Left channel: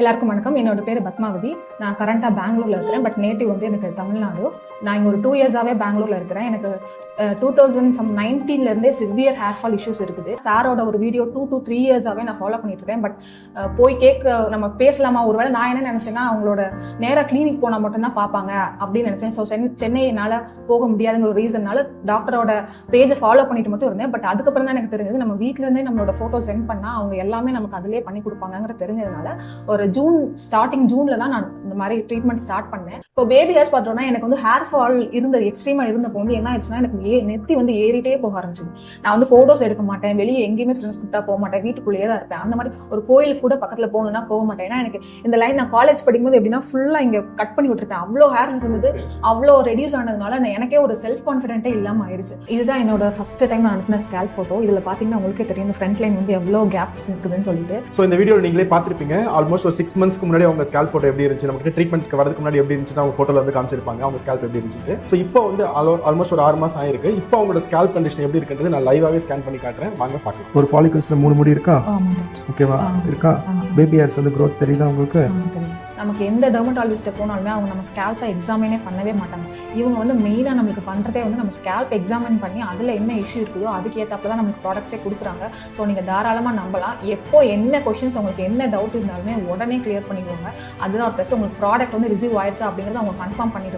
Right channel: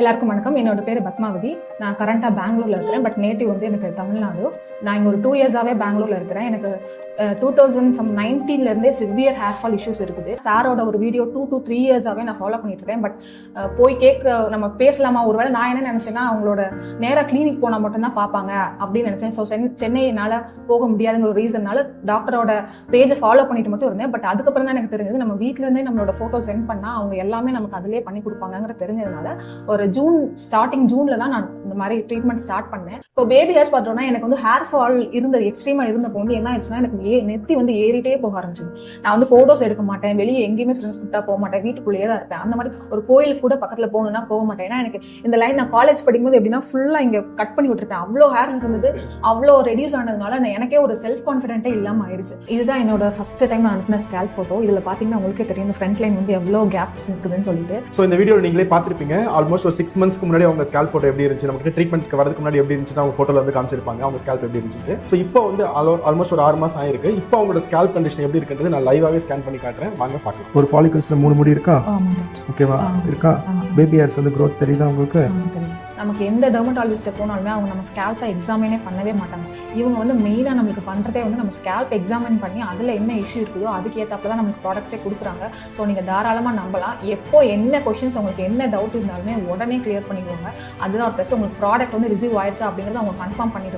எல்லாருக்கும் வணக்கம். என்னோட பேர் பத்மாவதி. நான் கரண்டாக பெங்களூர்ல இருக்கிறேன். பட் நேட்டிவ் வந்து எனக்கு தமிழ்நாடு. நான் இங்கே ஒரு 2 இயர்ஸாகவே பெங்களூர்ல இருக்கிறேன். எனக்கு 2019 சிவியர் ஹேர் ஃபால் இஷ்யூஸ் இருக்குது. சாரோட ஒரு வீடியோ 2 to 3 இயர்ஸாகவே நான் ஃபாலோ பண்ணிட்டு இருக்கேன். பட் போய் நம்ம பேசலாமா ஒரு வேளை. நான் என்ன நினைச்சேன்னா அவங்களோட நேராக கிளினிக் போனால் மட்டும்தான் பார்ப்பாங்க அப்படின்னு நினைச்சேன். ஸோ சென்னை என்னால் போக முடியாதுங்கிற ஒரு ரீசன்னால டாக்டரோட பேஜை ஃபாலோ பண்ணிட்டு மட்டும் இருந்தேன். பட் அதுக்கப்புறம் தான் எனக்கு தெரிஞ்சது நம்ம வீட்டில இருந்தே நம்மளோட ஃபோட்டோ சென்ட் பண்ணால் அவங்க எல்லாமே நமக்கு அதிலே பண்ணி கொடுப்பாங்கிற தெரிஞ்சதுனால ஒரு ஸ்டார்டிங் ஜூன்ல தான் நான் இந்த மாதிரி ட்ரீட்மெண்ட் ஸ்டார்ட் பண்ணேன். இப்போ பேபி ஹேர்ஸ் பார்த்தோம்னா எனக்கு வந்து ஹேர் ஃபால் எக்ஸ்ட்ரீமா இருந்தப்போ வந்து என்ன ஆயிடுச்சுன்னா எனக்கு நெத்தி வந்து ஏறிட்டே போக ஆரம்பிச்சது. நான் வந்து போட்டோஸ் எடுக்க மாட்டேன், வெளியே எங்கேயுமே ஃப்ரெண்ட்ஸ் கூப்பிட்டா போக மாட்டேன், வீட்டுக்குள்ளேயே தான் இருப்பேன். அந்த மாதிரி ஒரு கோயிலுக்கு கூட பக்கத்துல போகணும்னா போக மாட்டேன். ஏன்னா எனக்கு இந்த லைன் நான் காலேஜ் படிக்கும்போது எப்படின்னா ஃபுல்லா இங்க கட் பண்ணி விட்டுருக்கேன். அவ்வளோ ஹேர் இருந்தது, அவ்வளோ ரெடியூஸ் ஆனதுனால எனக்கே ஒரு செல்ஃப் கான்ஃபிடென்ட்டே இல்லாம ஆயிடுச்சு. இதுதான் என்னோட ஃபர்ஸ்ட் டைம் நான் அனுப்பின ஸ்கேல்ப் போட்டோ. இதுல பாத்தீங்கன்னா உங்களுக்கே தெரியும் இந்த ஃப்ரண்ட் லைன் வந்து எவ்வளோ கேப் இருக்குதுன்னு சொல்லிட்டு. ஸோ இந்த வீடியோ நீங்களே பார்த்துருப்பீங்க. ஆல்மோஸ்ட் ஒரு 6 months முன்னாடி அவங்க ஸ்கேல்ப் போட்டோ எப்படி இருந்துச்சு, நமக்கு ட்ரீட்மெண்ட் வரதுக்கு முன்னாடி எப்படி இருந்துச்சு அவங்க போட்டோல வந்து காமிச்சிருப்பாங்க அவங்க ஸ்கேல்ப் எப்படி இருந்துச்சு. ஸோ இப்போ வந்து ஆல்மோஸ்ட் ஒரு 6 மாசம் ஆயிருக்கு. இப்போ அவங்களோட ஸ்கேல்ப் கண்டிஷன் எப்படி இருக்கிறது நான் லைவாவே ஸ்கேன் பண்ணி காட்டுறேன், வாங்க பார்க்கலாம். ஒரு ஃபாலிகல்ஸ்ல 3 முடி இருக்கா, ஓகேவா இருக்கா? பேபி ஹேர்ஸ் வந்து growth தெரியுதா உங்களுக்கு? நமக்கு எந்த டெர்மட்டாலஜிஸ்ட்டை போனாலுமே அவங்க நம்ம ஸ்கேல்ப்பை எக்ஸாமினே பண்ணவே மாட்டாங்க. இவங்க வந்து மெயினாக நம்மளுக்கு பண்ணுறதே வந்து நம்ம ஸ்கேல்ப் எக்ஸாமின் பண்ணி அதில் என்ன இஷ்யூ இருக்குதோ அதுக்கு ஏற்றாப்புல தான் நமக்கு ப்ராடக்ட்ஸே கொடுக்குறாங்க. ஸோ நீங்கள் தாராளமாக நம்பலாம். எப்போ என்ன கொஸ்டின்ஸ் உங்களுக்கு என்ன டவுட் இருந்தாலுமே உடனே கிளியர் பண்ணிடுவாங்க. அதுதான் ப்ளஸ் உங்களுக்கு ப்ராடக்ட் வந்து ரிசீவ் ஆயிடுச்சா அப்படிங்கிறத அவங்க கன்ஃபார்ம் பண்ணிடுவாங்க.